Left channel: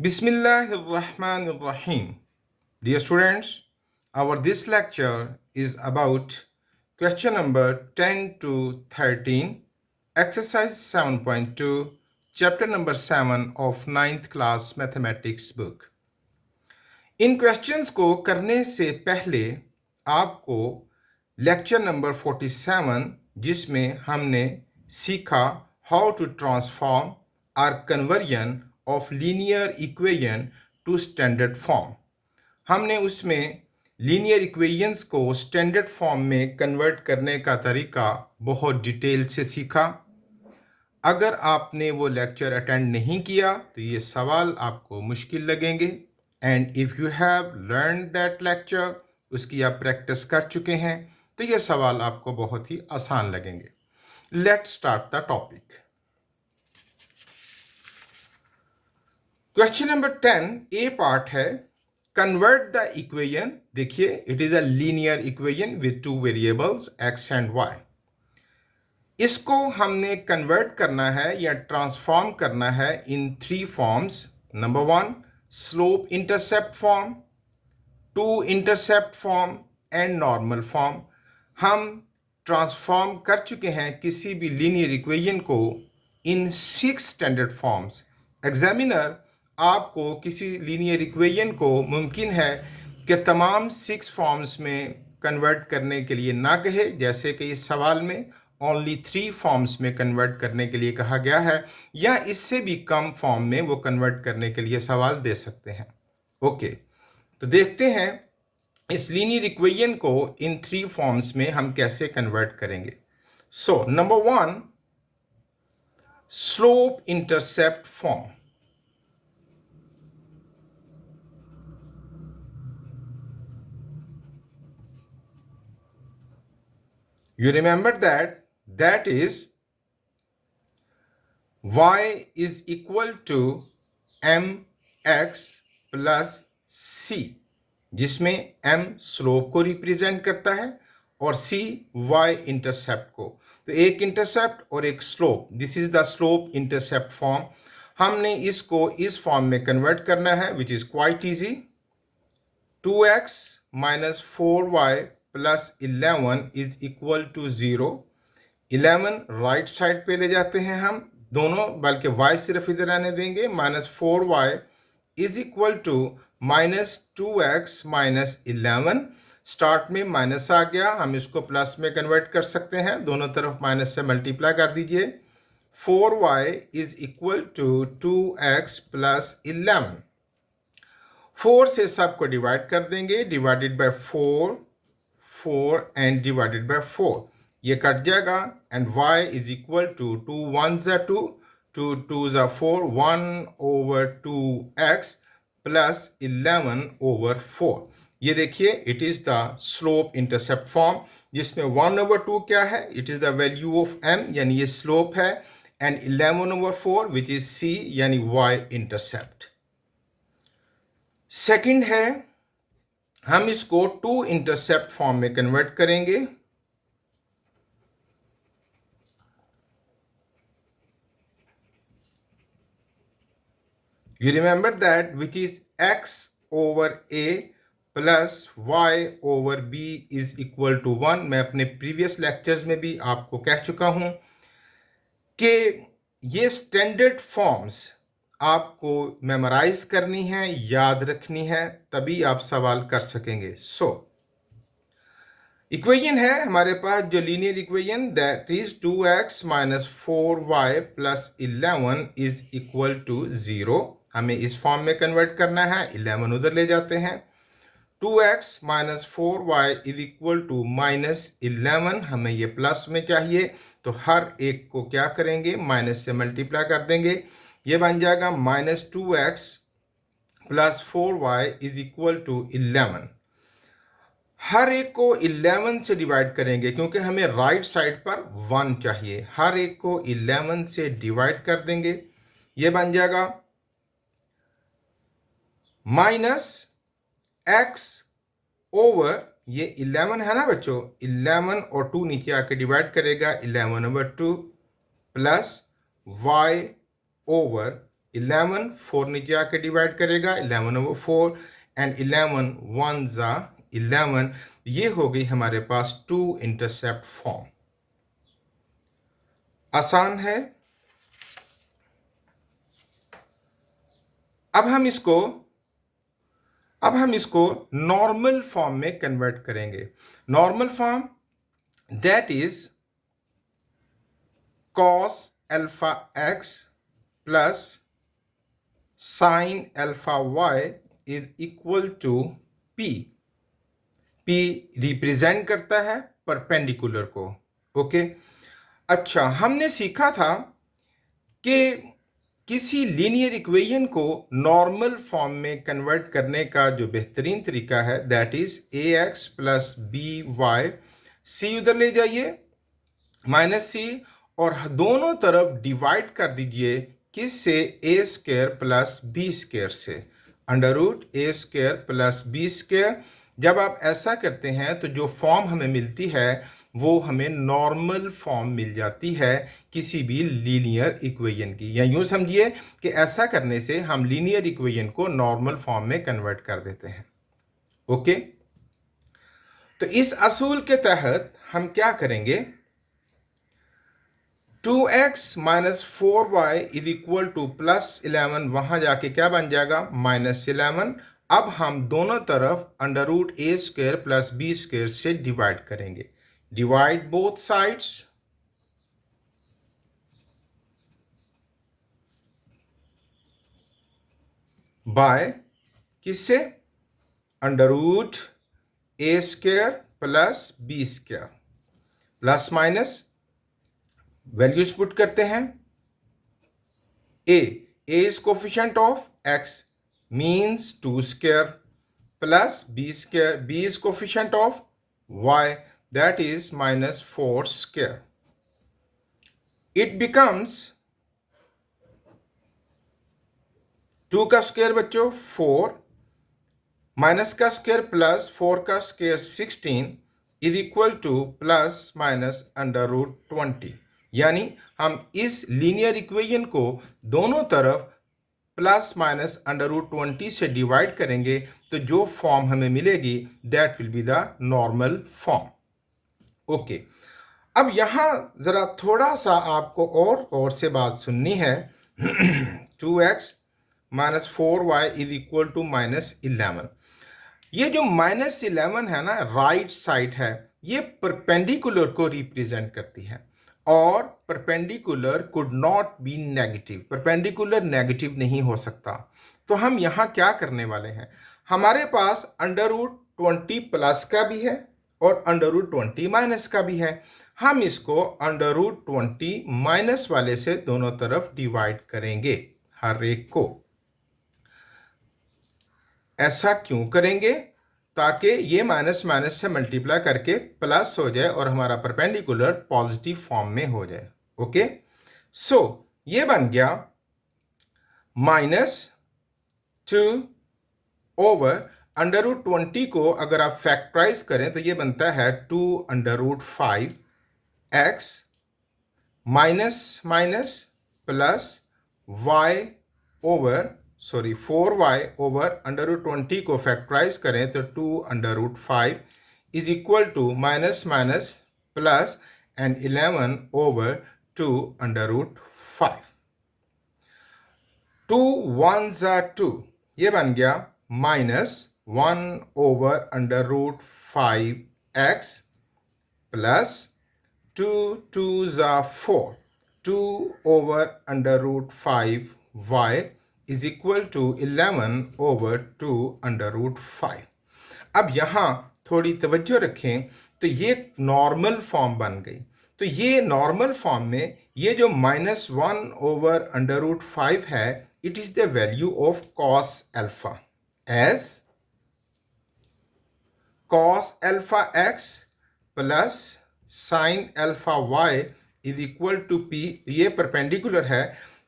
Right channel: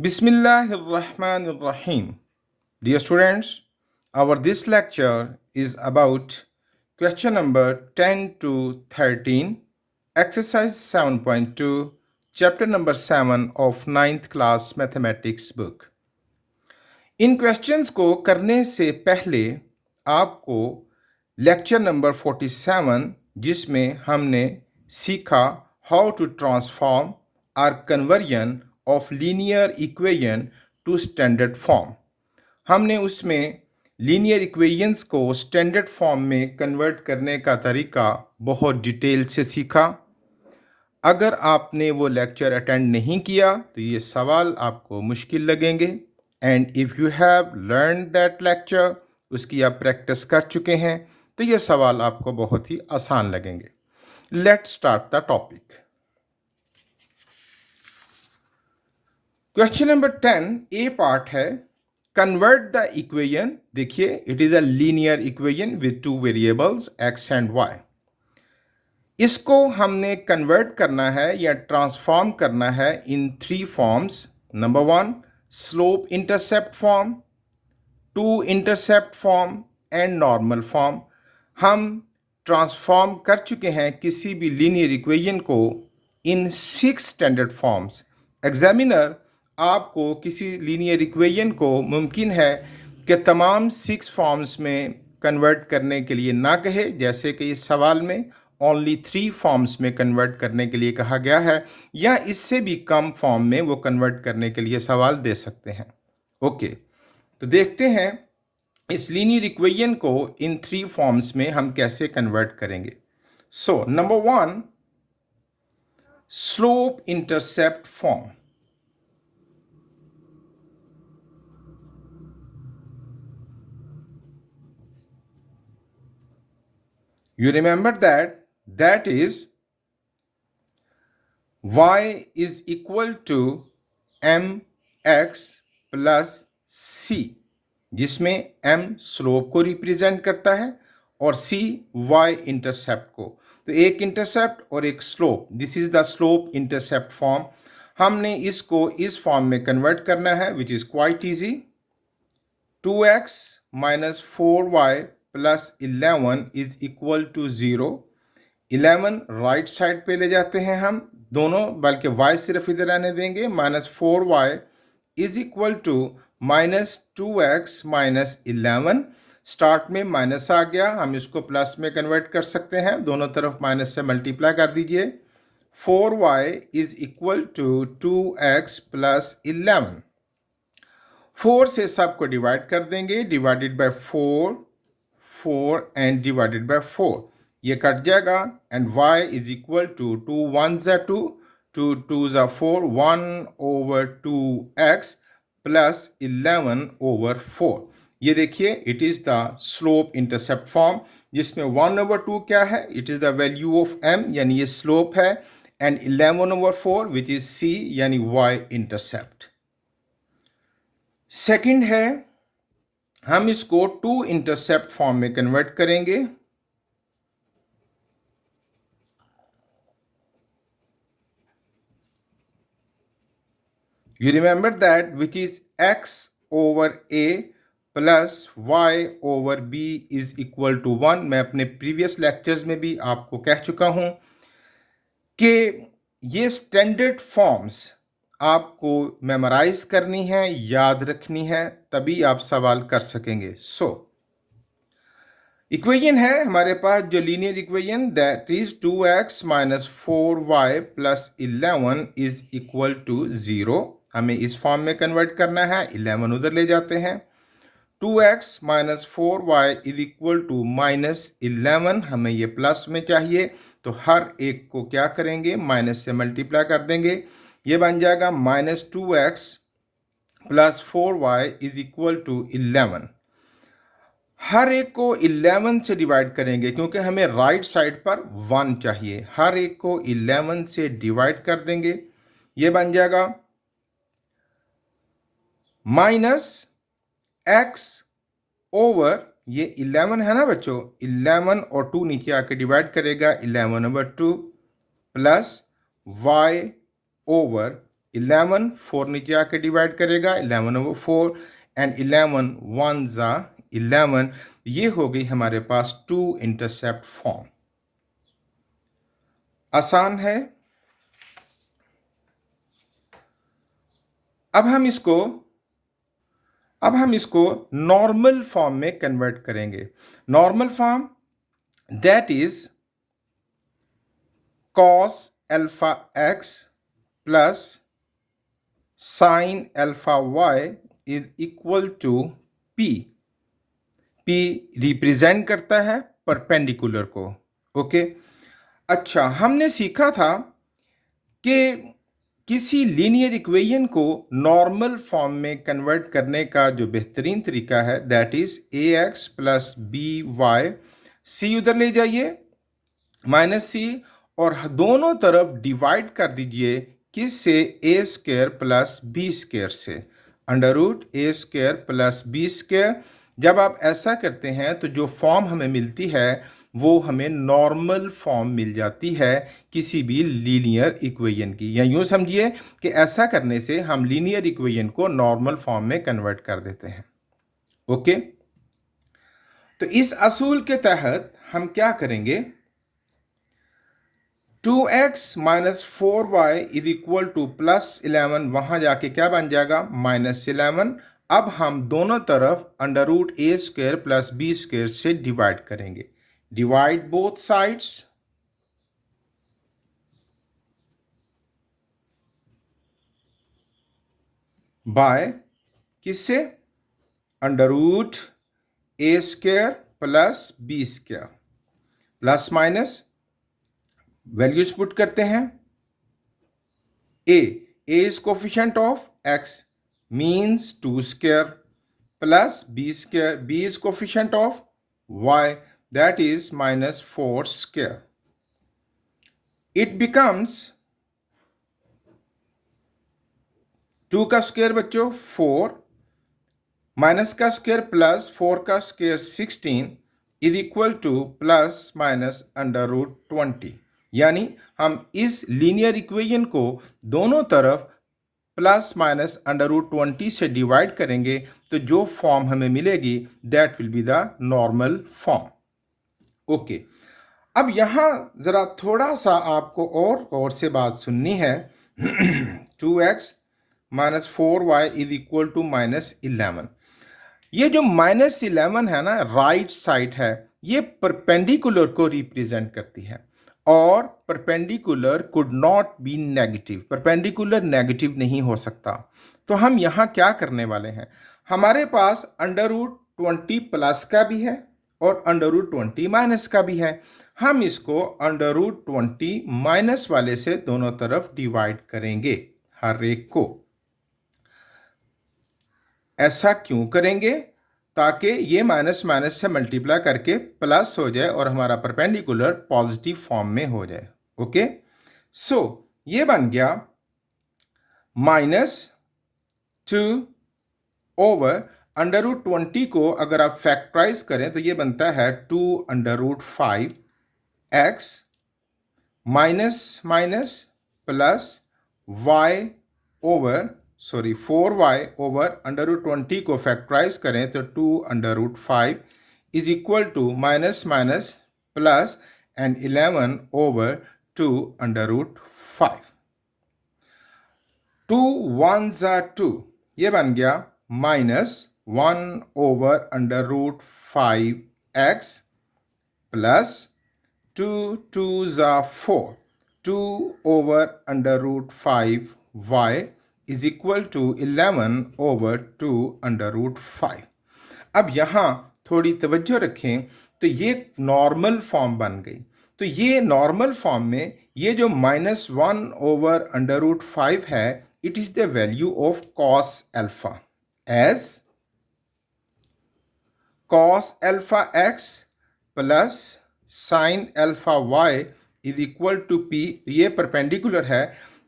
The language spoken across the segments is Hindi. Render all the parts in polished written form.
Bismillahirrahmanirrahim. Dear students, our this lecture is about question number 10 to 13, exercise 7.2, chapter number 7 of ninth class mathematics book. In questions को करने से पहले आपको लेक्चर नंबर 47 जिसमें हमने सीखा how to transform or conversion of linear equation to standard form, हमने उसमें लीनियर इक्वेशंस को स्टैंडर्ड फॉर्म में कन्वर्ट करने का तरीका बहुत डिटेल से सीखा। अगर आपने वो लेक्चर अटेंड नहीं किया तो ये सवाल आपको मुश्किल लगेंगे, and if you have learn that lecture, उसकी आप प्रैक्टिस कर चुके हैं, तो ये सवाल आपको बहुत ही आसान लगेंगे। Let's start the topic. Question number 10 a part है, कन्वर्ट द इक्वेशन। देखिए, it is a linear equation with two variables x and y. इसको हमने कन्वर्ट करना है या ट्रांसफॉर्म करना है in three forms. Number 1 slope intercept form, 2 intercept form and normal form. हम ट्रांसफॉर्म कर चुके हैं किसी भी लीनियर इक्वेशन को इन 6 स्टैंडर्ड फॉर्म्स। एग्जामिनर आपको किसी लीनियर इक्वेशन को मुमकिन है कि तमाम 6 फॉर्म्स में कन्वर्ट करने के लिए ना कहे, जैसे कि इस सवाल में ओनली 3 फॉर्म्स में कन्वर्ट करने के लिए कहा गया है, या इससे भी कम फॉर्म में वो कन्वर्ट करने के लिए सवाल दे सकते हैं। ओके, तो देखते हैं इस लीनियर इक्वेशन को इन 3 फॉर्म्स में हम कैसे कन्वर्ट करेंगे। So number 1 slope intercept form. You remember that is y is equal to mx plus c, जिसमें m स्लोप को रिप्रेजेंट करता है और c y इंटरसेप्ट को। तो एक इंटरसेप्ट और एक slope, this is the slope intercept form. हमने इसको इस फॉर्म में कन्वर्ट करना है, which is quite easy. 2x minus 4y plus 11 is equal to 0। 11 right side पे ले जाते हैं हम दोनों, बल्कि y सिर्फ इधर आने देंगे। Minus 4y is equal to minus 2x minus 11। Start में माइनस आ गया, हम इसको प्लस में कन्वर्ट कर सकते हैं, दोनों तरफ माइनस से मल्टीप्लाई कर दीजिए। 4y is equal to 2x plus 11। 4 से सबको डिवाइड कर देंगे, divided by 4, 4 and divided by 4, ये कट जाएगा। And y is equal to 2 1 ज़ा 2, 2 2 ज़ा 4, 1 ओवर 2x प्लस 11 ओवर 4। ये देखिए, it is the slope intercept form, जिसमें 1 ओवर 2 क्या है, it is the value of m, यानी ये स्लोप है, and 11 over 4 which is c, यानी y इंटरसेप्ट। सेकंड है, हम इसको 2 इंटरसेप्ट फॉर्म में कन्वर्ट करेंगे। You remember that which is x over a plus y over b is equal to 1। मैं अपने प्रीवियस लेक्चर्स में भी आपको कह चुका हूं कि ये स्टैंडर्ड फॉर्म्स आपको मेमोराइज करनी है, याद रखनी है, तभी आप सवाल कर सकेंगे। सो इक्वेशन है हमारे पास जो linear equation, that is 2x minus 4y plus 11 is equal to 0। हमें इस फॉर्म में कन्वर्ट करना है, 11 उधर ले जाते हैं। 2x minus 4y is equal to minus 11, हमें ये प्लस में चाहिए, तो हर एक को क्या करेंगे, माइनस से मल्टीप्लाई कर देंगे। ये बन जाएगा minus 2x plus 4y is equal to 11। हर एक को 11 से डिवाइड करेंगे क्योंकि हमें राइट साइड पर 1 चाहिए। हर एक को 11 से डिवाइड कर देंगे, ये बन जाएगा माइनस x ओवर, ये 11 है ना बच्चों, 11 और 2 नीचे आके डिवाइड करेगा, 11 ओवर 2 प्लस y ओवर 11, 4 नीचे आके डिवाइड करेगा, 11/4 एंड 11 1 जा 11। ये हो गई हमारे पास टू इंटरसेप्ट फॉर्म। आसान है। अब हम इसको नॉर्मल फॉर्म में कन्वर्ट करेंगे। Normal form that is cos alpha x plus sin alpha y is equal to p। p represent करता है परपेंडिकुलर को। ओके, अच्छा, हमने सीखा था कि किसी लीनियर इक्वेशन को नॉर्मल फॉर्म में कन्वर्ट करने का जो बेहतरीन तरीका है that is ax plus B Y. C उधर ले जाइए, माइनस सी, और दोनों तरफ डिवाइड कर दीजिए किससे, ए स्क्वायर प्लस बी स्क्वायर से, under root a square plus b square. जब आप ऐसा करते हैं तो जो फॉर्म हमें मिलती है वो हमें नॉर्मल फॉर्म मिल जाती है किसी भी लीनियर इक्वेशन की, या यूँ समझिए कि ऐसा करने से हम लीनियर इक्वेशन को नॉर्मल फॉर्म में कन्वर्ट कर देते हैं। ओके, तो इस असूल के तहत हम क्या करेंगे, 2x minus 4y is equal to plus 11, वहां जाके क्या बन जाएगा, -11। अब हम दोनों तरफ under root a square plus b square से डिवाइड करेंगे। डिवाइड बोथ साइड्स बाय किससे, under root a square plus b square, plus minus values put करते हैं। a is coefficient of x means 2 square plus b square, b is coefficient of y that is -4 square। it becomes 2 का स्क्वायर बच्चों 4, माइनस का स्क्वायर प्लस 4 का square 16 is equal to plus minus under root 20। यानी हम इस लीनियर इक्वेशन को दोनों तरफ प्लस माइनस अंडर रूट 20 से डिवाइड करेंगे तो जो फॉर्म हमें मिलेगी that will be the normal form. Okay, अब यहाँ ज़रा थोड़ा सा आपको और से बात सुननी है। 2x minus 4y is equal to -11। ये जो -11 है ना, राइट साइड है, ये परपेंडिकुलर को रिप्रेजेंट करती है और perpendicular could not be negative, perpendicular negative नहीं हो सकता। तो हम यहाँ क्या करने वाले हैं, हमारे पास अंडर रूट 20 प्लस का भी है और अंडर रूट 20 माइनस का भी है। हम इसको अंडर रूट 20 माइनस वाले से दोनों तरफ डिवाइड करेंगे हर एक को। ऐसा क्यों करेंगे, ताकि ये माइनस माइनस से मल्टीप्लाई करके प्लस हो जाए और हमारा परपेंडिकुलर पॉजिटिव फॉर्म में हो जाए। ओके, सो ये बन गया -2 ओवर अंडर रूट 20 को अगर आप फैक्टराइज करें तो ये बनता है 2 under root 5 x minus minus plus y over 4y over under root 20 को फैक्टराइज करें तो 2 under root 5 is equal to minus minus plus and 11 over 2 under root 5। 2 1 जा 2, ये बन गया -1 over under root 5x plus 2 2 जा 4, 2 over under root 5y is equal to 11 over 2 under root 5। अब यहाँ थोड़ी तवज्जो रखें तो ये नॉर्मल फॉर्म बन गई। तो ये नॉर्मल फॉर्म में ये जो -1 ओवर अंडर रूट 5 है, it is the value of cos alpha as cos alpha x plus sin alpha y is equal to p। ये परपेंडिकुलर है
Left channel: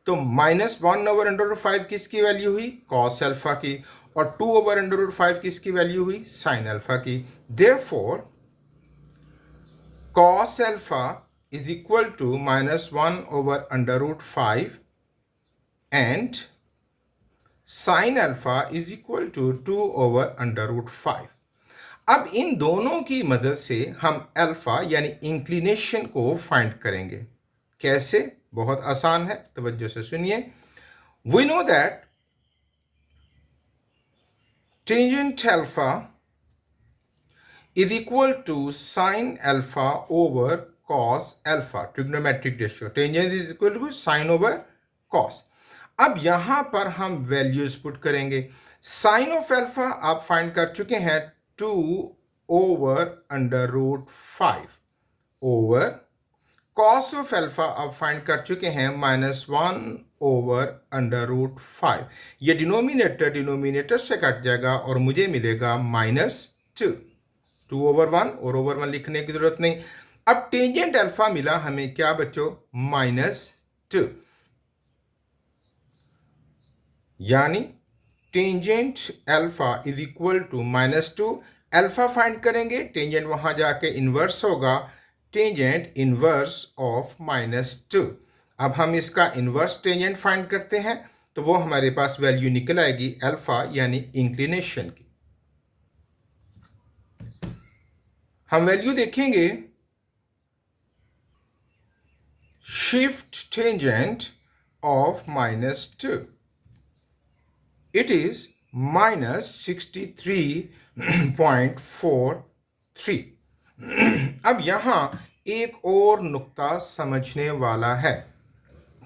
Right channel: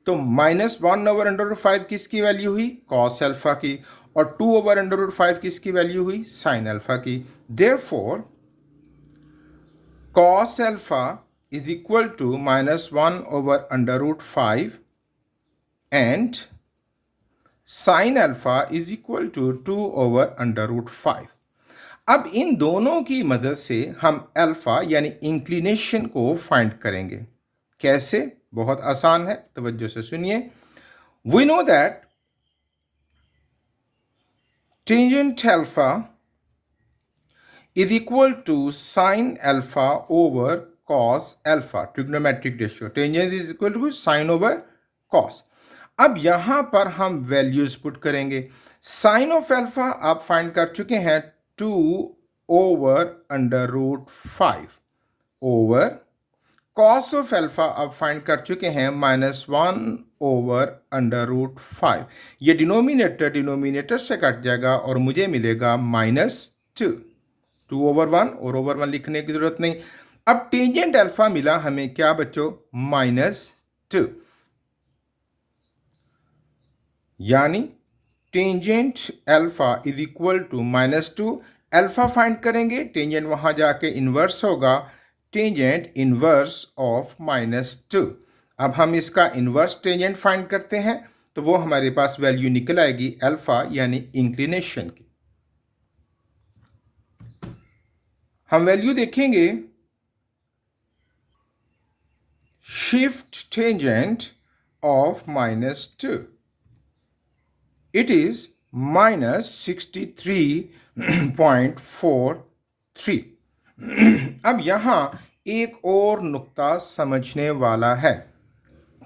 तो -1 ओवर अंडर रूट 5 किसकी वैल्यू हुई, cos अल्फा की, और 2 ओवर अंडर रूट 5 किसकी वैल्यू हुई, sin अल्फा की। Therefore cos alpha is equal to -1 over under root 5 and sine alpha is equal to 2/√5। अब इन दोनों की मदद से हम अल्फा यानी इंक्लिनेशन को फाइंड करेंगे। कैसे? बहुत आसान है, तवज्जो से सुनिए। We know that tangent alpha is equal to sin alpha over cos alpha, trigonometric ratio tangent is equal to sin over cos। अब यहां पर हम वैल्यूज पुट करेंगे। साइन ऑफ अल्फा आप फाइंड कर चुके हैं 2/√5 ओवर कॉस ऑफ अल्फा आप फाइंड कर चुके हैं -1/√5। ये डिनोमिनेटर से कट जाएगा और मुझे मिलेगा -2। 2/1 और ओवर 1 लिखने की जरूरत नहीं। अब टेंजेंट अल्फा मिला हमें क्या बच्चों? -2, यानी tangent alpha is equal to -2। Alpha find करेंगे, टेंजेंट वहां जाके इनवर्स होगा, टेंजेंट इनवर्स ऑफ -2। अब हम इसका इनवर्स टेंजेंट फाइंड करते हैं तो वो हमारे पास वैल्यू निकल आएगी अल्फा यानी इंक्लिनेशन की। हम वैल्यू देखेंगे, shift tangent of -2 it is -63.43। अब यहां एक और नुक्ता समझने वाला है।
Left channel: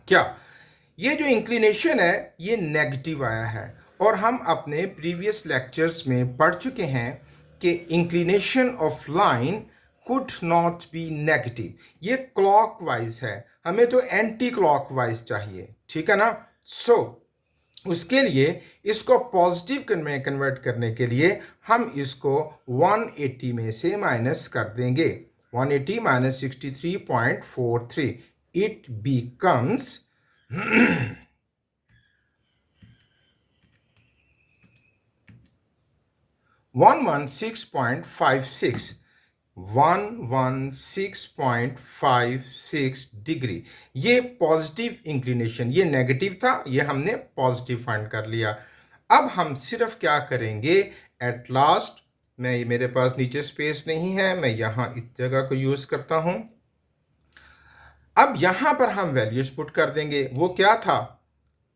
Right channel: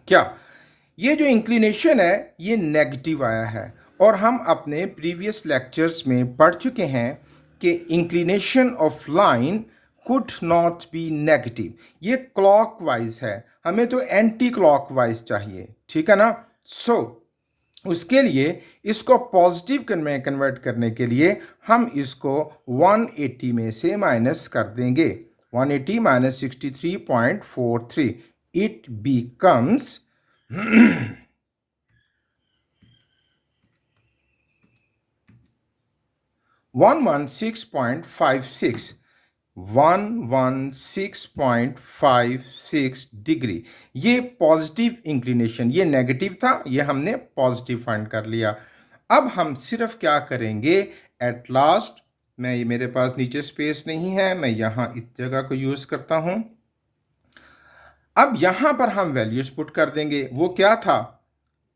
क्या? ये जो इंक्लिनेशन है ये नेगेटिव आया है और हम अपने प्रीवियस लेक्चर्स में पढ़ चुके हैं कि inclination of line could not be negative. ये क्लॉकवाइज है, हमें तो एंटी क्लॉकवाइज चाहिए, ठीक है ना। सो उसके लिए इसको पॉजिटिव में कन्वर्ट करने के लिए हम इसको 180 में से माइनस कर देंगे। 180 माइनस 63.43 इट बिकम्स 116.56 116.56 डिग्री। ये पॉजिटिव इंक्लिनेशन, ये नेगेटिव था, ये हमने पॉजिटिव फाइंड कर लिया। अब हम सिर्फ क्या करेंगे, एट लास्ट मेरे पास नीचे स्पेस नहीं है, मैं यहाँ इस जगह को यूज करता हूँ। अब यहाँ पर हम वैल्यूज पुट कर देंगे। वो क्या था?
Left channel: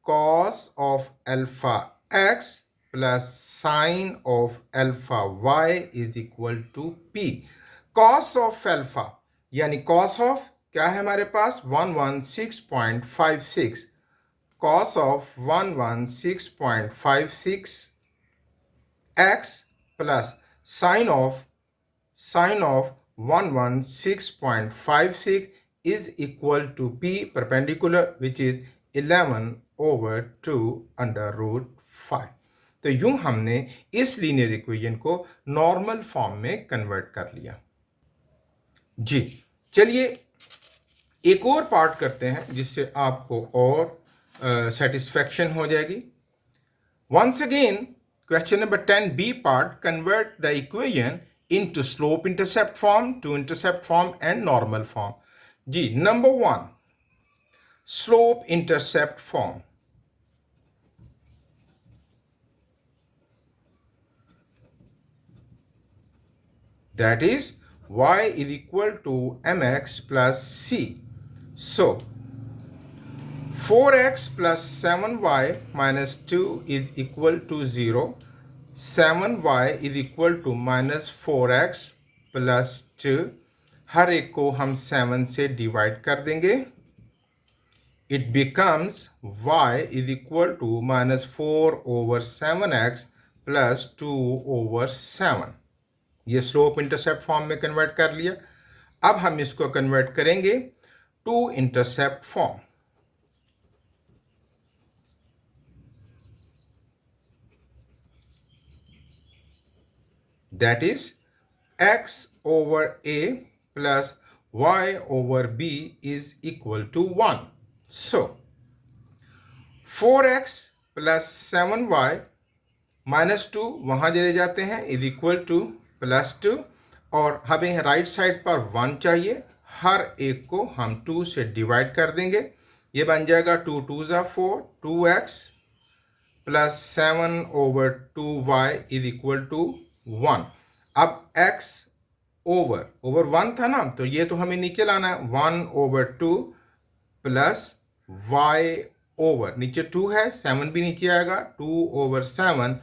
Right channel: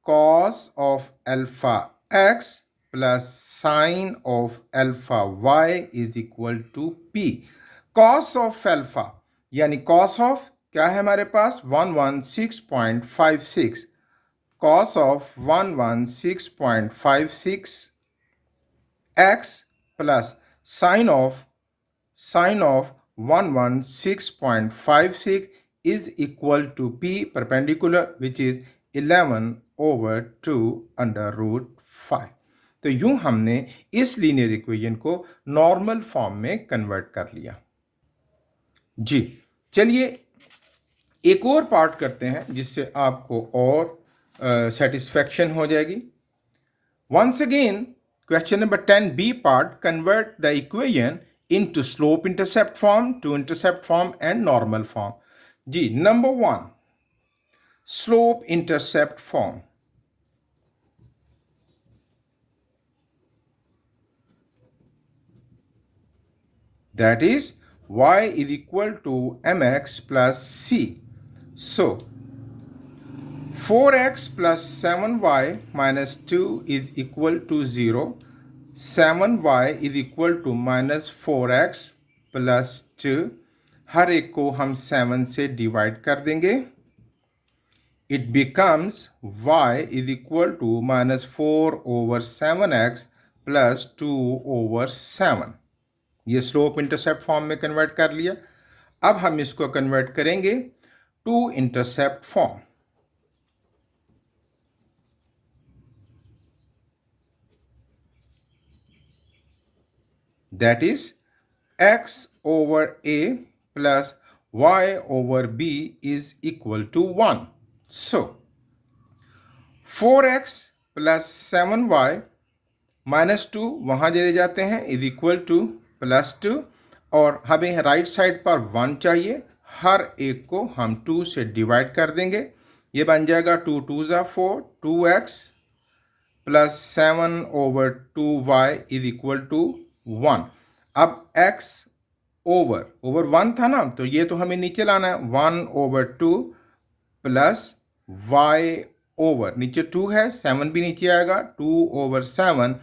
Cos of alpha x plus sine of alpha y is equal to p. Cos of alpha यानी कॉस ऑफ क्या है हमारे पास? 116.56। Cos of 116.56 x plus sine of 116.56 is equal to p perpendicular which is 11/2√5। तो यूं हमने इस लीनियर इक्वेशन को नॉर्मल फॉर्म में कन्वर्ट कर लिया। जी चलिए एक और पार्ट करते हैं जिससे आपको और सेटिस्फैक्शन हो जाएगी। Once again question number 10b part, convert the equation into slope intercept form, to intercept form and normal form। जी number 1 slope intercept form। that is y is equal to mx plus c। so 4x plus 7y minus 2 is equal to 0। 7y is equal to minus 4x plus 2। हर एक को हम 7 से डिवाइड कर देंगे। It becomes y is equal to minus 4/7x plus 2/7। ये स्लोप इंटरसेप्ट फॉर्म में कन्वर्ट कर लिया। अब हम इसको कन्वर्ट करेंगे to intercept form. that is x over a plus y over b is equal to 1। so 4x plus 7y minus 2 वहाँ चले जाते हैं इज इक्वल टू +2 और हमें राइट साइड पर 1 चाहिए। हर एक को हम 2 से डिवाइड कर देंगे। ये बन जाएगा 2 2 ज़ा 4, 2x plus 7/2y is equal to 1। अब x ओवर 1 था ना, तो ये तो हमें नीचे लाना है। 1/2 प्लस y ओवर, नीचे 2 है, 7 भी नीचे आएगा, 2/7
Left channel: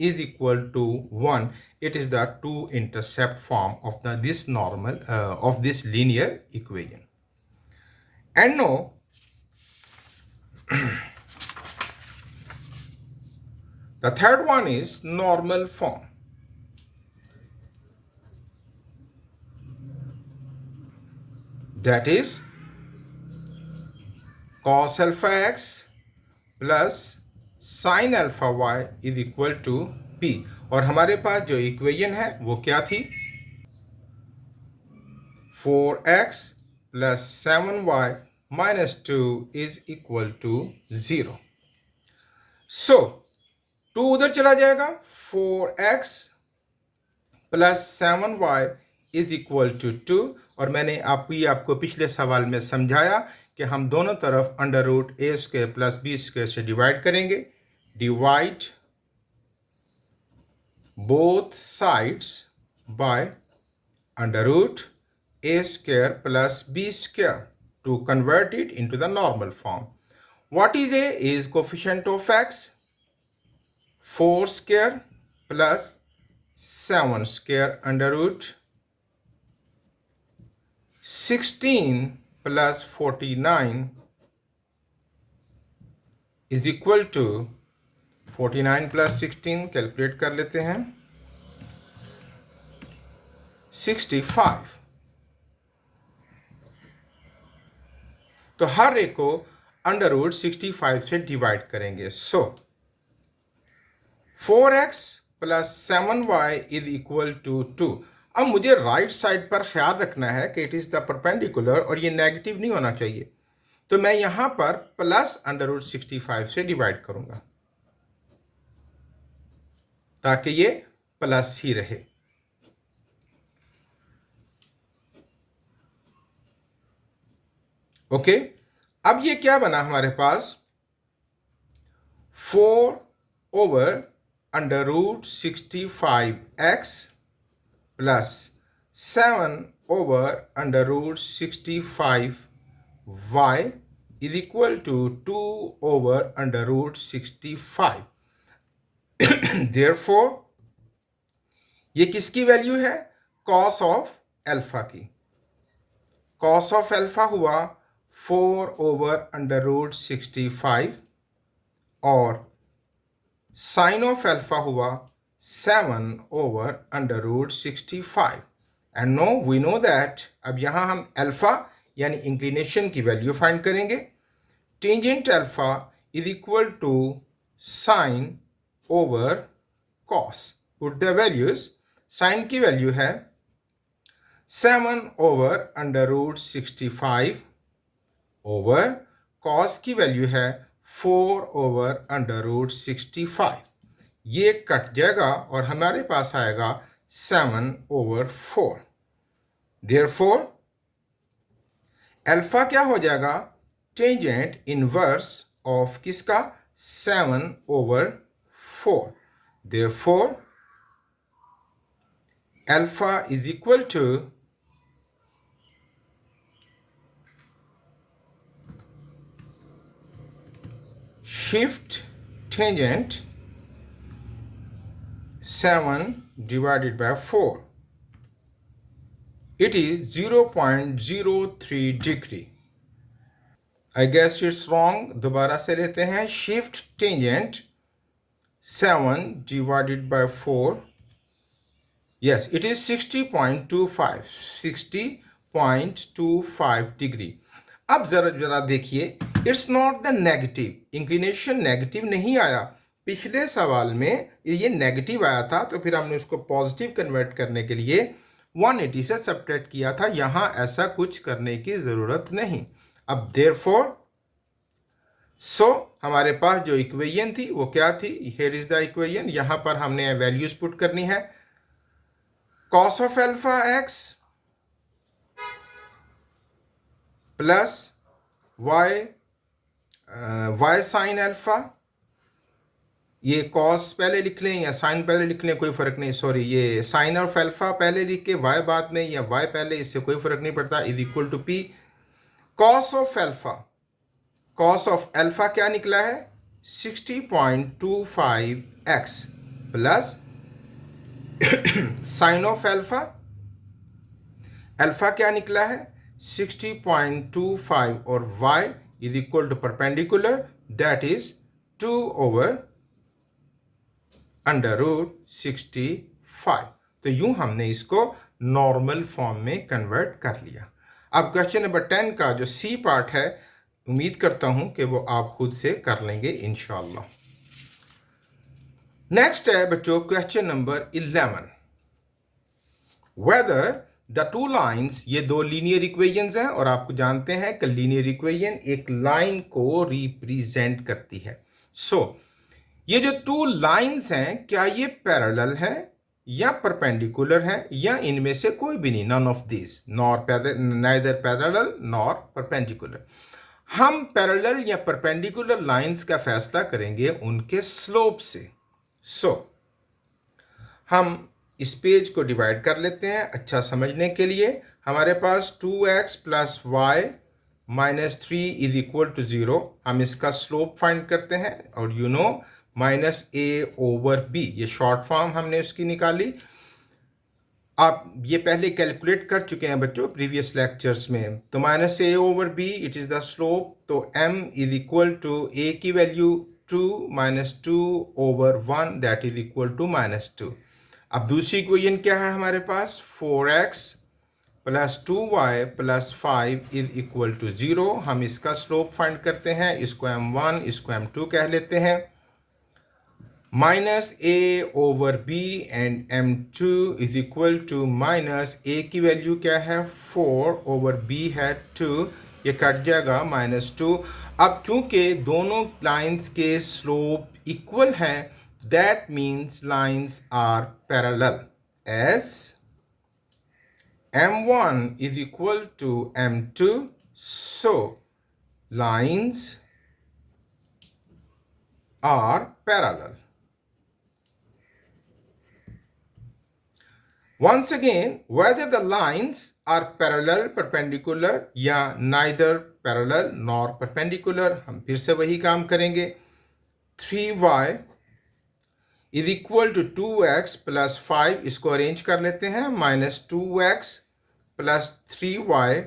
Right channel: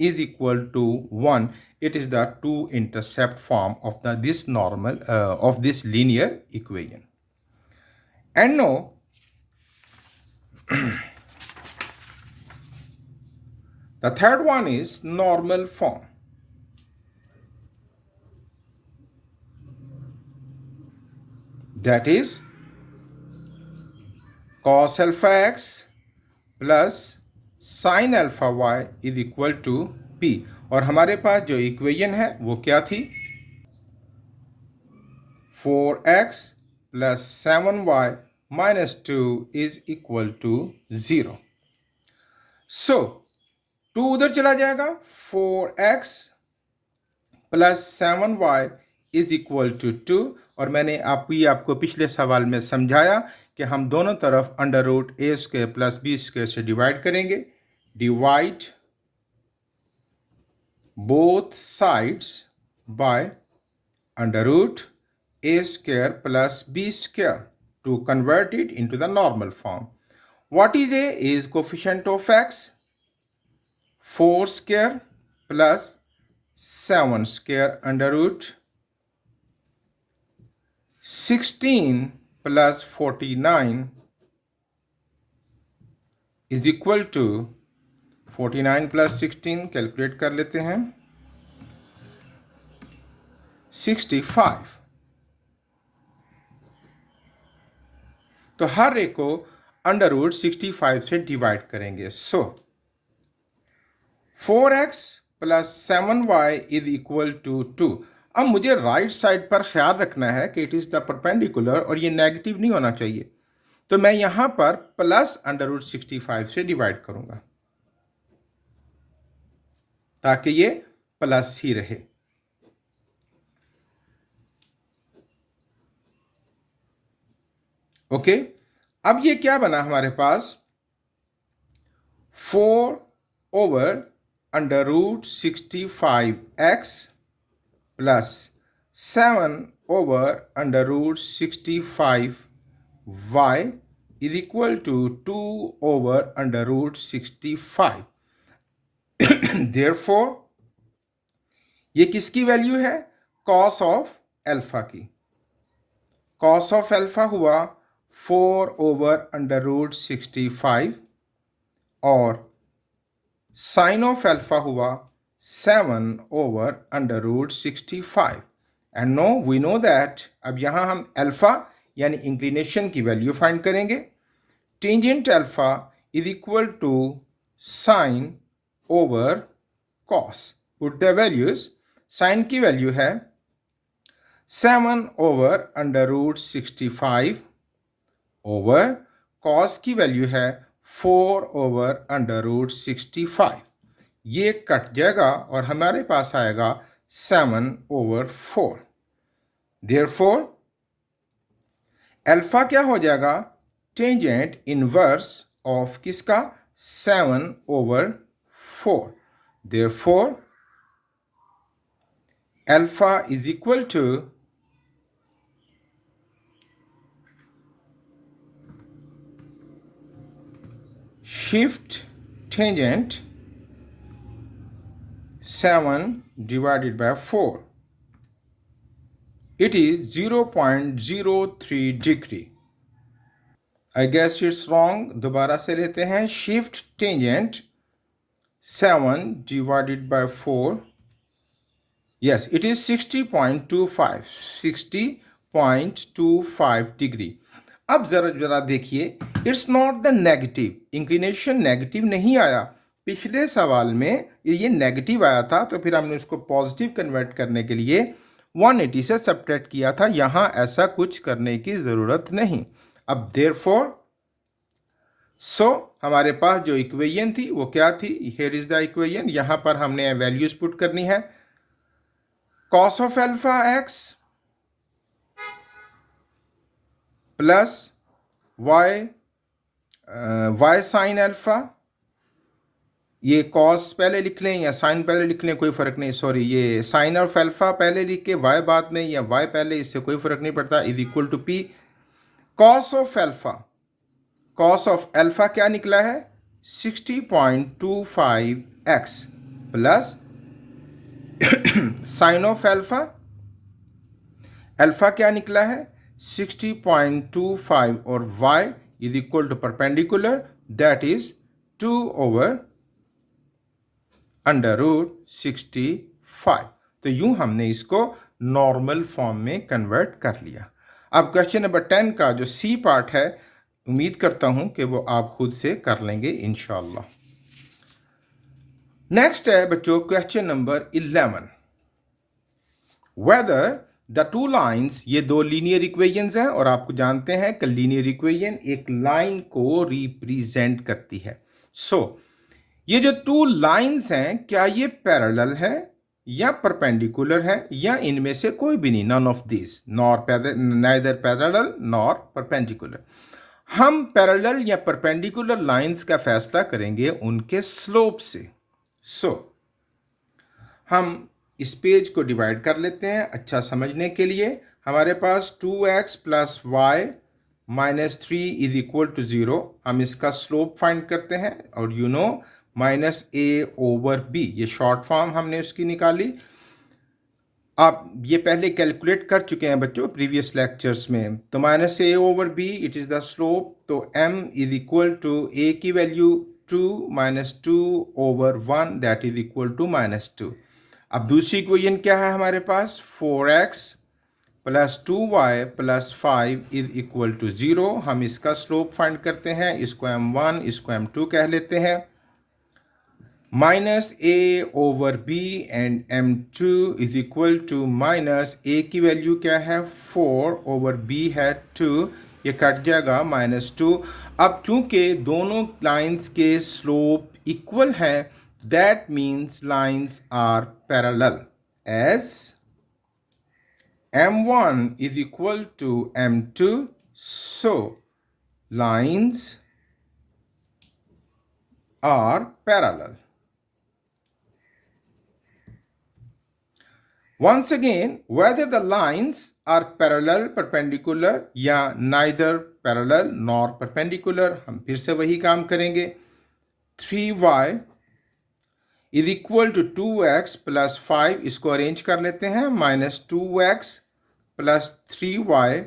is equal to 1। It is the two intercept form of this normal of this linear equation. And now the third one is normal form. That is cos alpha x plus sin alpha y is equal to p। और हमारे पास जो इक्वेशन है वो क्या थी? 4x plus 7y minus 2 is equal to 0. So 2 उधर चला जाएगा, 4x plus 7y is equal to 2। और मैंने आपको पिछले सवाल में समझाया कि हम दोनों तरफ under root a square plus b square से डिवाइड करेंगे। Divide both sides by under root a square plus b square to convert it into the normal form. What is a? Is coefficient of x, 4 square plus 7 square under root 16 plus 49 is equal to 49 plus 16 calculate कर लेते हैं, 65। तो हर एक को अंडर रूट 65 से डिवाइड करेंगे। So 4x plus 7y is equal to 2। अब मुझे राइट साइड पर ख्याल रखना है कि इट इज द परपेंडिकुलर और ये नेगेटिव नहीं होना चाहिए, तो मैं यहां पर प्लस अंडर रूट 65 से डिवाइड करूंगा ताकि ये प्लस ही रहे। ओके, अब ये क्या बना हमारे पास? 4/√ 65x plus 7/√ 65y is equal to 2/√ 65। Therefore ये किसकी वैल्यू है? कॉस ऑफ एल्फा की। कॉस ऑफ एल्फा हुआ 4/√ 65 और साइन ऑफ एल्फा हुआ 7/√ 65। And no we know that, अब यहां हम एल्फा यानी इंक्लिनेशन की वैल्यू फाइंड करेंगे। Tangent alpha is equal to sine over cos. Put the values. Sine की वैल्यू है 7/√ 65 ओवर कॉस की वैल्यू है 4/√ 65। ये कट जाएगा और हमारे पास आएगा 7/4। देयरफॉर अल्फा क्या हो जाएगा? टेंजेंट इनवर्स ऑफ किसका? 7/4। Therefore alpha is equal to shift tangent 7 divided by 4. It is 0.03 degree. I guess it's wrong. दोबारा से लेते हैं। Shift tangent 7 divided by 4. Yes, it is 60.25. 60.25 degree. अब जरा देखिए, it's not the negative. Inclination negative नहीं आया। पिछले सवाल में ये नेगेटिव आया था, तो फिर हमने उसको पॉजिटिव कन्वर्ट करने के लिए 180 से सब्ट्रैक्ट किया था। यहाँ ऐसा कुछ करने की ज़रूरत नहीं। अब देयरफॉर हमारे पास जो इक्वेशन थी वो क्या थी? Here is the equation. यहाँ पर हमने वैल्यूज पुट करनी है। Cos of alpha x plus y sin alpha ये कॉस पहले लिख लें या साइन पहले लिख लें, कोई फ़र्क नहीं, सॉरी, ये साइन ऑफ अल्फ़ा पहले लिख के वाई बाद में या वाई पहले, इससे कोई फ़र्क नहीं पड़ता, is equal to p cos of alpha. Cos of alpha क्या निकला है 60.25x plus sine of alpha, alpha क्या निकला है 60.25 और y is equal to perpendicular, that is 2/√65। तो यूं हमने इसको नॉर्मल फॉर्म में कन्वर्ट कर लिया। अब क्वेश्चन नंबर 10 का जो सी पार्ट है, उम्मीद करता हूं कि वो आप खुद से कर लेंगे इंशाल्लाह। नेक्स्ट है बच्चों question number 11, whether the two lines, ये दो लीनियर इक्वेशंस हैं और आपको जानते हैं कि लीनियर इक्वेशन एक लाइन को रिप्रेजेंट करती है। ये जो टू लाइन्स हैं क्या ये पैरेलल है या परपेंडिकुलर है या इनमें से कोई भी नहीं, none of this, neither parallel nor perpendicular. हम पैरेलल या परपेंडिकुलर लाइन्स का फैसला करेंगे उनके स्लोप से। हम इस पेज को डिवाइड कर लेते हैं अच्छा समझने के लिए। हमारे पास 2x plus y minus 3 is equal to 0, हम इसका स्लोप फाइंड करते हैं और you know minus a over b, ये शॉर्ट फॉर्म हमने उसकी निकाली। आप ये पहले कैलकुलेट कर चुके हैं बच्चों प्रीवियस लेक्चर्स में, तो minus a over b it is the slope, तो m is equal to a की value 2 minus 2 over 1 that is equal to minus 2। अब दूसरी इक्वेशन क्या है हमारे पास 4x plus 2y plus 5 is equal to 0, हम इसका स्लोप फाइंड करते हैं, इसको m1 इसको m2 कह लेते हैं, minus a over b and m2 is equal to minus a की वैल्यू क्या है 4 ओवर b है 2, ये कट जाएगा माइनस 2। अब चूंकि दोनों लाइंस के स्लोप इक्वल है, that means lines are parallel as m1 is equal to m2, so lines are parallel. Once again, whether the lines are parallel, perpendicular या neither parallel nor perpendicular, हम फिर से वही काम करेंगे। 3y is equal to 2x plus 5, इसको अरेंज कर लेते हैं, minus 2x plus 3y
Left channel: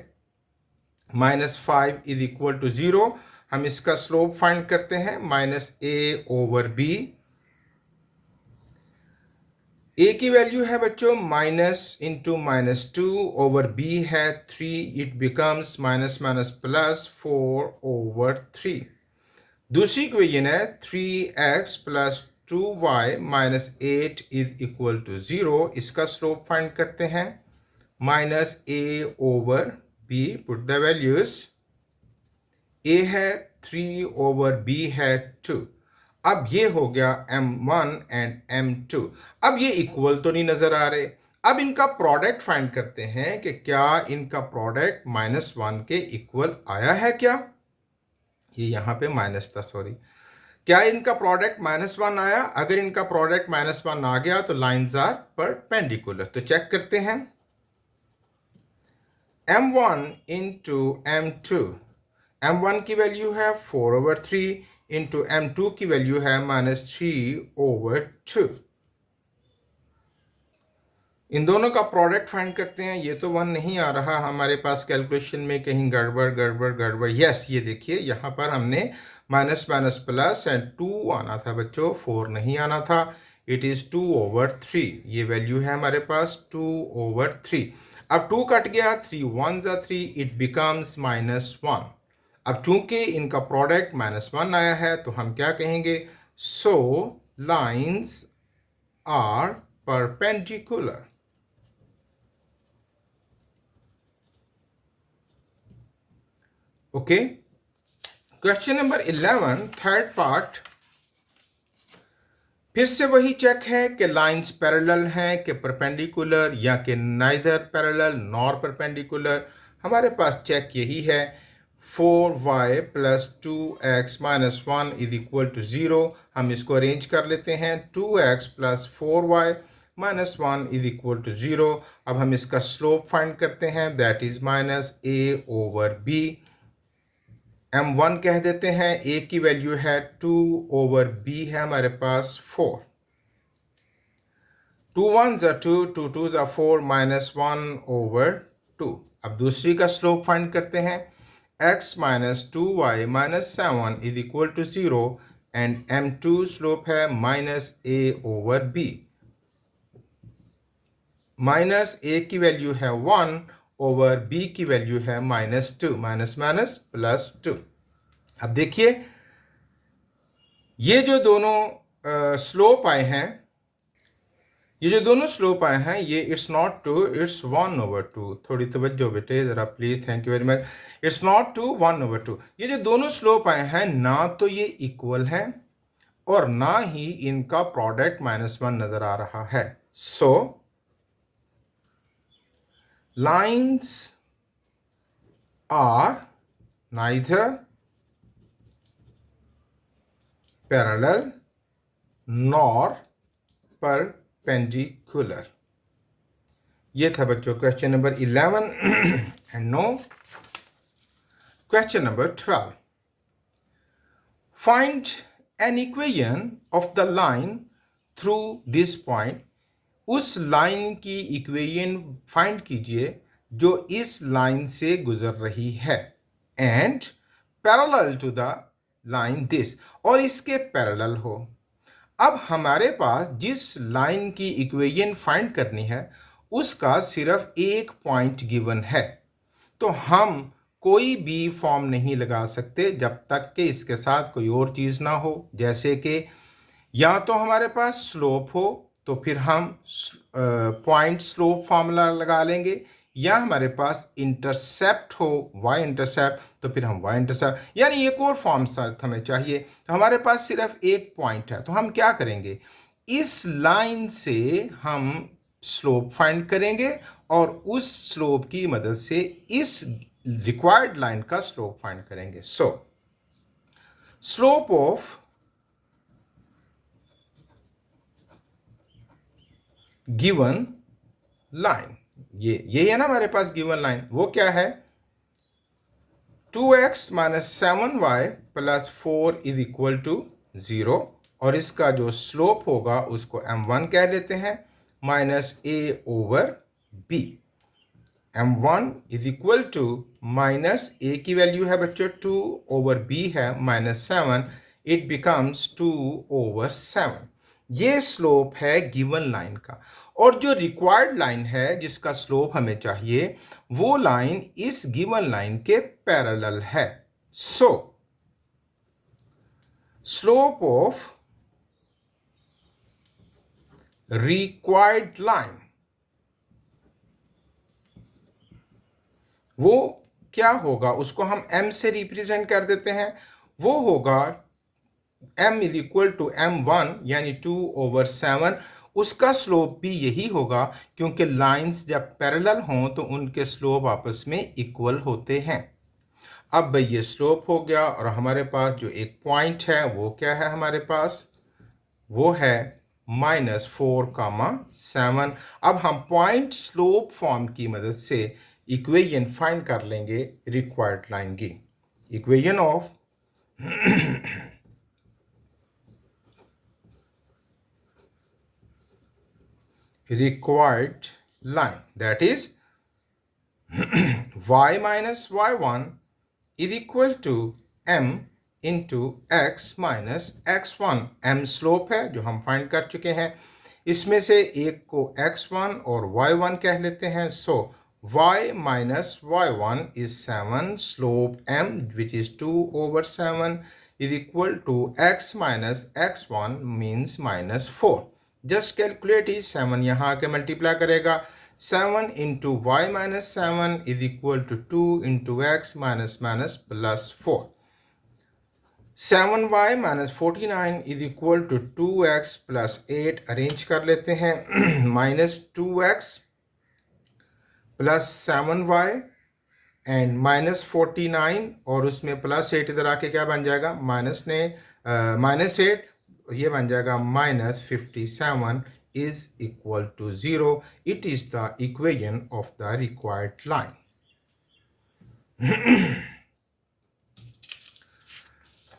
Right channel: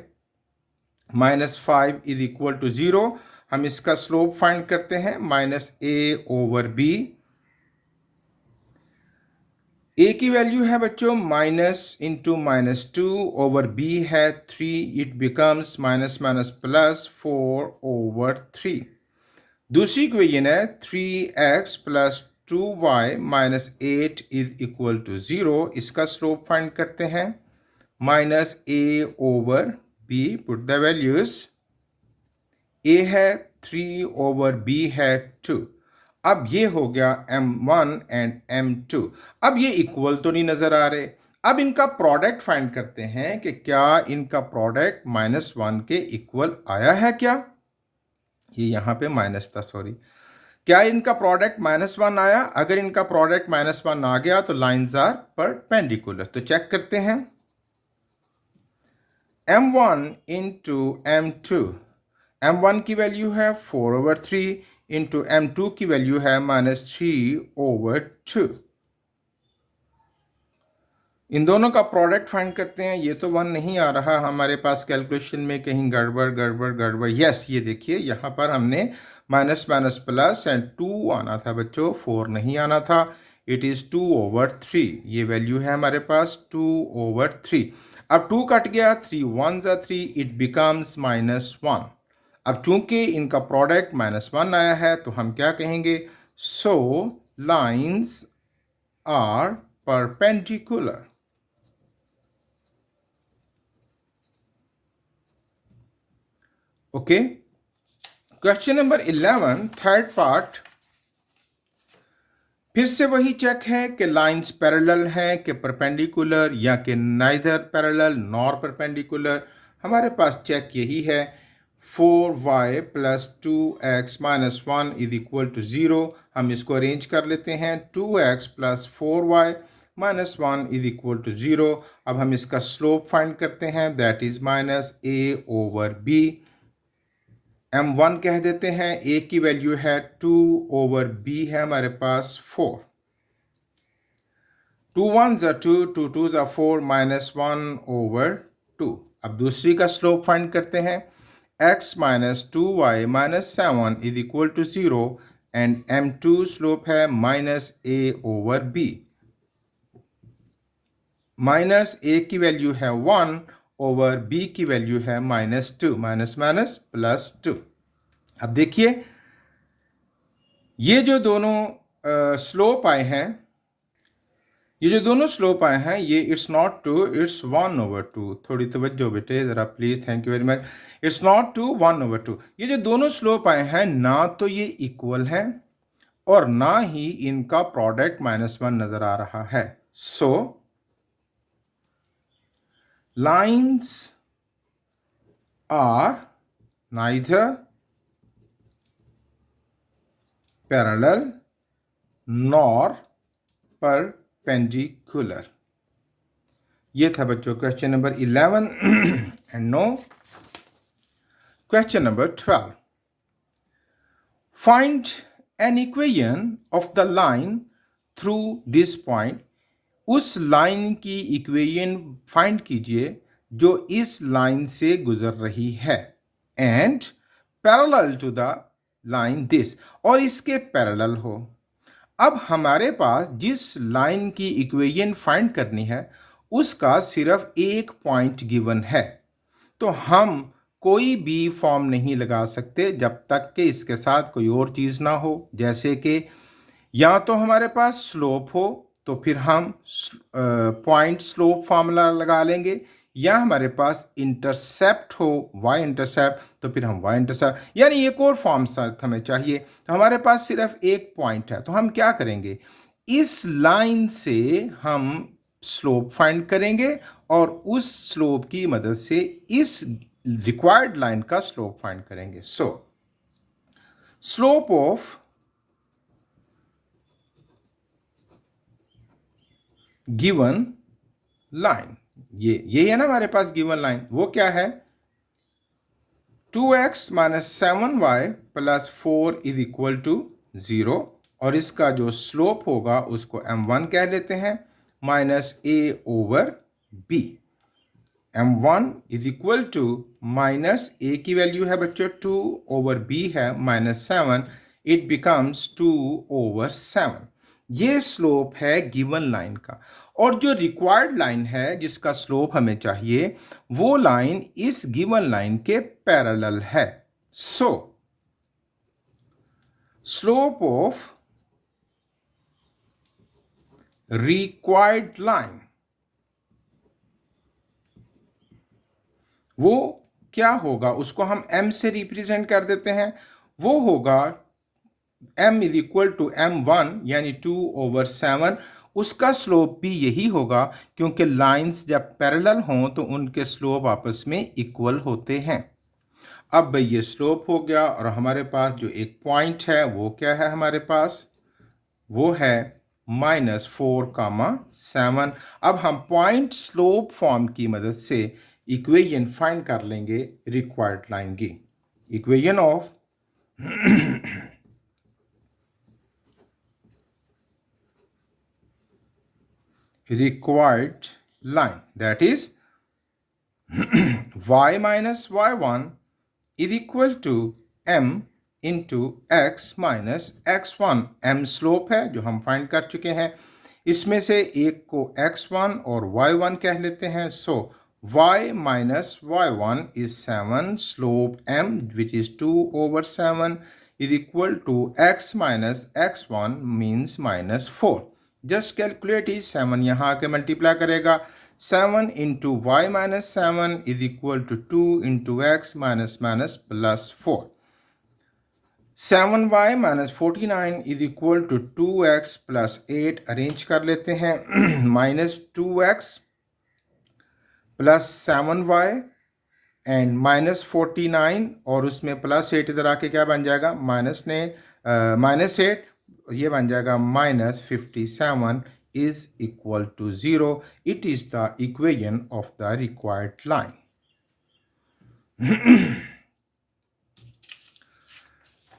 minus 5 is equal to 0, हम इसका स्लोप फाइंड करते हैं, minus a over b। a की वैल्यू है बच्चों minus into minus 2 over b है 3, it becomes minus minus plus 4 over 3। दूसरी इक्वेशन है 3x plus 2y minus 8 is equal to 0, इसका स्लोप फाइंड करते हैं, minus a over b, put the values, a है 3 ओवर b है 2। अब ये हो गया m1 एंड m2। अब ये इक्वल तो नहीं नजर आ रहे, अब इनका प्रोडक्ट फाइंड करते हैं कि क्या इनका प्रोडक्ट -1 के इक्वल आया है क्या, ये यहाँ पे माइनस था, सॉरी, क्या इनका प्रोडक्ट -1 आया? अगर इनका प्रोडक्ट -1 आ गया तो लाइंस आर परपेंडिकुलर। तो चेक करते हैं, m1 इंटू m2, m1 की वैल्यू है 4 ओवर 3 इंटू m2 की वैल्यू है -3 ओवर 2। इन दोनों का प्रोडक्ट फाइंड करते हैं। ये तो 1 नहीं आ रहा हमारे पास, कैलकुलेशन में कहीं गड़बड़ गड़बड़ गड़बड़, यस ये देखिए यहाँ पर हमने माइनस माइनस प्लस एंड 2 आना था बच्चों, 4 नहीं आना था, इट इज़ 2 ओवर 3, ये वैल्यू है हमारे पास 2 ओवर 3। अब 2 कट गया, 3 1 ज़ा 3, इट बिकम्स -1। अब चूंकि इनका प्रोडक्ट -1 आया है तो हम क्या कहेंगे, so lines are perpendicular. Okay, question number 11 third part, फिर से वही चेक है कि लाइंस पैरेलल हैं कि परपेंडिकुलर या कि नाइदर पैरेलल नॉर परपेंडिकुलर। हमारे पास चेक यही है, 4y plus 2x minus 1 is equal to 0। हम इसको अरेंज कर लेते हैं। 2x plus 4y minus 1 is equal to 0। अब हम इसका स्लोप फाइंड करते हैं, that is minus a over b। m1 कह देते हैं, a की वैल्यू है 2 ओवर b है हमारे पास 4। 2 1s are 2, 2 2s are 4 minus 1 over 2। अब दूसरी का स्लोप फाइंड करते हैं, x minus 2y minus 7 is equal to 0 and m2 slope है minus a over b। Minus a की वैल्यू है 1 ओवर b की वैल्यू है माइनस 2, माइनस माइनस प्लस 2। अब देखिए ये जो दोनों स्लोप आए हैं, ये it's not two, it's 1 over 2। थोड़ी तवज्जो बेटे ज़रा please, thank you very much. It's not two 1 over 2। ये जो दोनों स्लोप आए हैं ना तो ये इक्वल हैं और ना ही इनका प्रोडक्ट -1 नज़र आ रहा है। So lines are neither parallel nor perpendicular. ये था बच्चों question number 11 and no question number 12। Find an equation of the line through this point. उस लाइन की इक्वेशन फाइंड कीजिए जो इस लाइन से गुजर रही है, and parallel to the line this, और इसके पैरेलल हो। अब हमारे पास जिस लाइन की इक्वेशन फाइंड करनी है उसका सिर्फ एक पॉइंट गिवन है, तो हम कोई भी फॉर्म नहीं लगा सकते जब तक कि इसके साथ कोई और चीज़ ना हो। जैसे कि या तो हमारे पास स्लोप हो तो फिर हम पॉइंट स्लोप फार्मूला लगा लेंगे, या हमारे पास इंटरसेप्ट हो y इंटरसेप्ट तो फिर हम y इंटरसेप्ट, यानी एक और फॉर्म साथ हमें चाहिए। तो हमारे पास सिर्फ एक पॉइंट है, तो हम क्या करेंगे, इस लाइन से हम स्लोप फाइंड करेंगे और उस स्लोप की मदद से इस रिक्वायर्ड लाइन का स्लोप फाइंड करेंगे। सो स्लोप ऑफ गिवन लाइन, ये है ना हमारे पास गिवन लाइन, वो क्या है, 2x minus 7y plus 4 is equal to 0, और इसका जो स्लोप होगा उसको m1 कह लेते हैं minus a over b। m1 is equal to minus a की वैल्यू है बच्चों 2 ओवर b है माइनस 7, इट बिकम्स 2 ओवर 7। ये स्लोप है गिवन लाइन का, और जो रिक्वायर्ड लाइन है जिसका स्लोप हमें चाहिए वो लाइन इस गिवन लाइन के पैरेलल है। सो स्लोप ऑफ रिक्वायर्ड लाइन वो क्या होगा, उसको हम m से रिप्रेजेंट कर देते हैं। वो होगा m is equal to m1 यानी 2 ओवर 7। उसका स्लोप भी यही होगा क्योंकि लाइंस जब पैरेलल हों तो उनके स्लोप आपस में इक्वल होते हैं। अब ये स्लोप हो गया, और हमारे पास जो एक पॉइंट है वो क्या है हमारे पास, वो है -4, 7। अब हम पॉइंट स्लोप फॉर्म की मदद से इक्वेशन फाइंड कर लेंगे रिक्वायर्ड लाइन की। Equation of required line, that is y minus y1 is equal to m into x minus x1। m slope है जो हम फाइंड कर चुके हैं, इसमें से एक को x1 और y1 कह लेते हैं। सो y minus y1 is 7, slope m which is 2 over 7 is equal to x minus x1 means -4। Just calculate is 7 यहाँ आके मल्टीप्लाई करेगा, 7 into y minus 7 is equal to 2 into x minus minus plus 4। 7y minus 49 is equal to 2x plus 8। Arrange कर लेते हैं, minus 2x plus 7y and -49 और उसमें +8 इधर आके क्या बन जाएगा, -8 ये बन जाएगा -57 is equal to 0. It is the equation of the required line.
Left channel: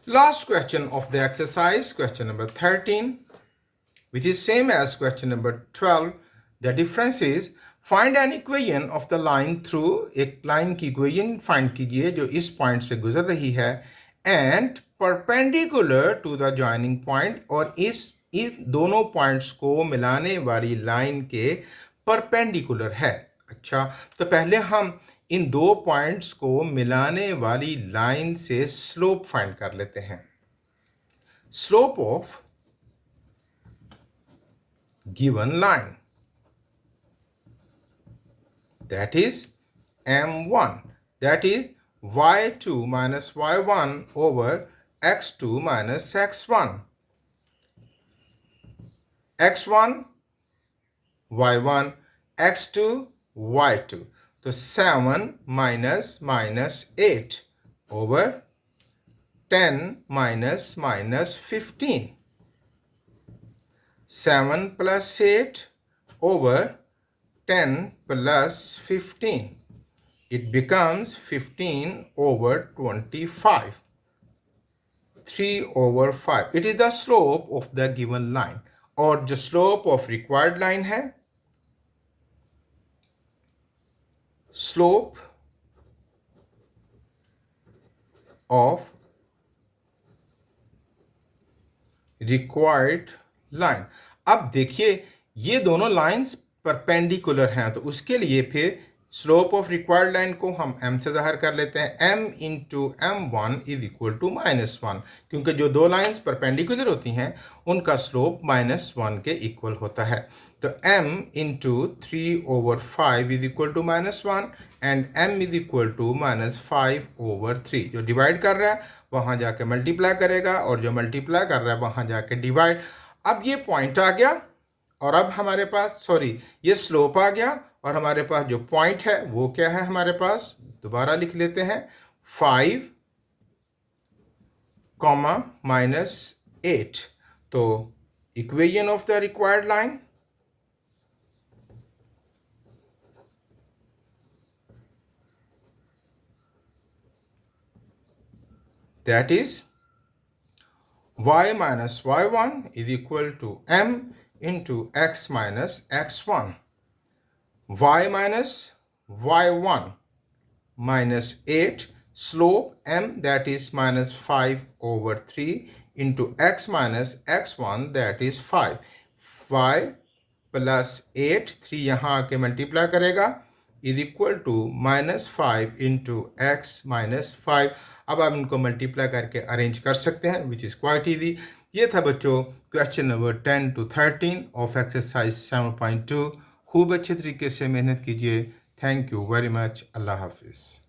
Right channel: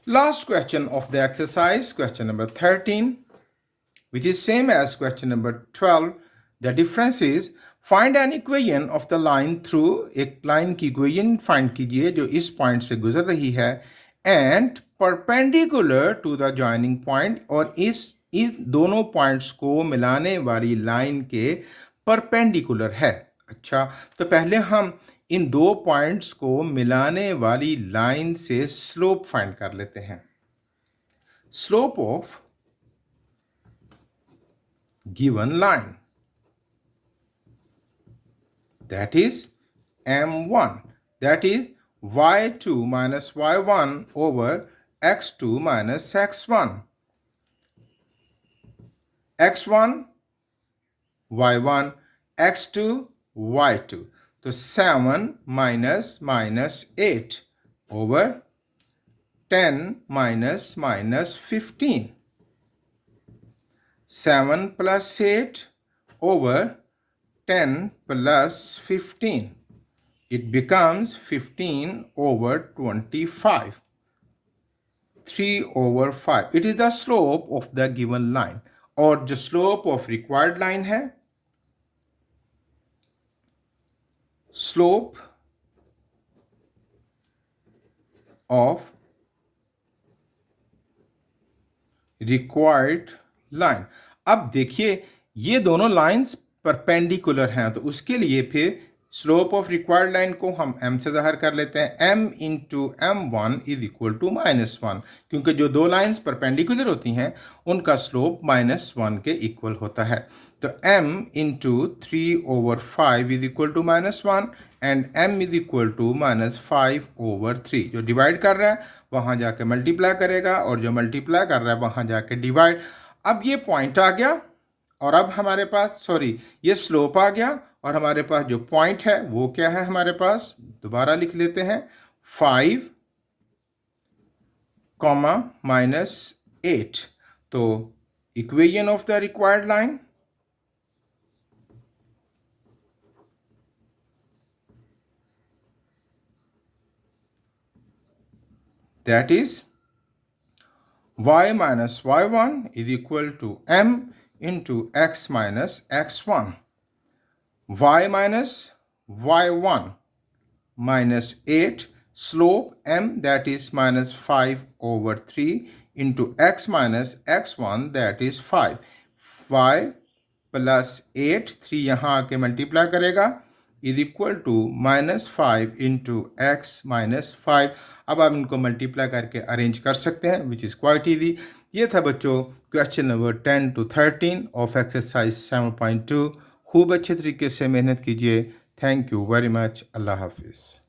Last question of the exercise, question number 13, which is same as question number 12. The difference is find an equation of the line through, एक line की equation find कीजिए जो इस point से गुजर रही है and perpendicular to the joining point, और इस दोनों पॉइंट्स को मिलाने वाली लाइन के परपेंडिकुलर है। अच्छा, तो पहले हम इन दो पॉइंट्स को मिलाने वाली लाइन से स्लोप फाइंड कर लेते हैं। Slope of given line, that is m1, that is y2 minus y1 over x2 minus x1, x1 y1 x2 y2, तो 7 minus -8 over 10 minus 15, 7 plus 8 over 10 plus 15, it becomes 15 over 25, 3 over 5. It is the slope of the given line, और जो slope of required line है, slope of required line। अब देखिए ये दोनों लाइंस परपेंडिकुलर हैं, तो उसके लिए फिर स्लोप ऑफ रिक्वायर्ड लाइन को हम m से ज़ाहिर कर लेते हैं। m into m1 is equal to -1, क्योंकि जो दो लाइंस परपेंडिकुलर होती हैं उनका स्लोप -1 के इक्वल होता है। तो m into 3 over 5 is equal to -1 and m is equal to -5 over 3। जो डिवाइड कर रहा है वहाँ जाके मल्टीप्लाई करेगा और जो मल्टीप्लाई कर रहा है वहाँ जाके डिवाइड। अब ये पॉइंट आ गया और अब हमारे पास ये स्लोप आ गया और हमारे पास जो पॉइंट है वो क्या है, हमारे पास दोबारा लिख लेते हैं 5, -8। तो equation of the required line, that is y minus y1 is equal to m into x minus x1, y minus y1 minus 8, slope m that is -5 over 3 into x minus x1 that is 5, y plus 8, 3 यहाँ आके मल्टीप्लाई करेगा is equal to -5 into x minus 5। अब आप इनको मल्टीप्लाई करके अरेंज कर सकते हैं, विच इज़ क्वाइट ईजी। ये था बच्चों question number 10 to 13 of exercise 7.2। खूब अच्छे तरीके से मेहनत कीजिए। Thank you very much. अल्लाह हाफिज़।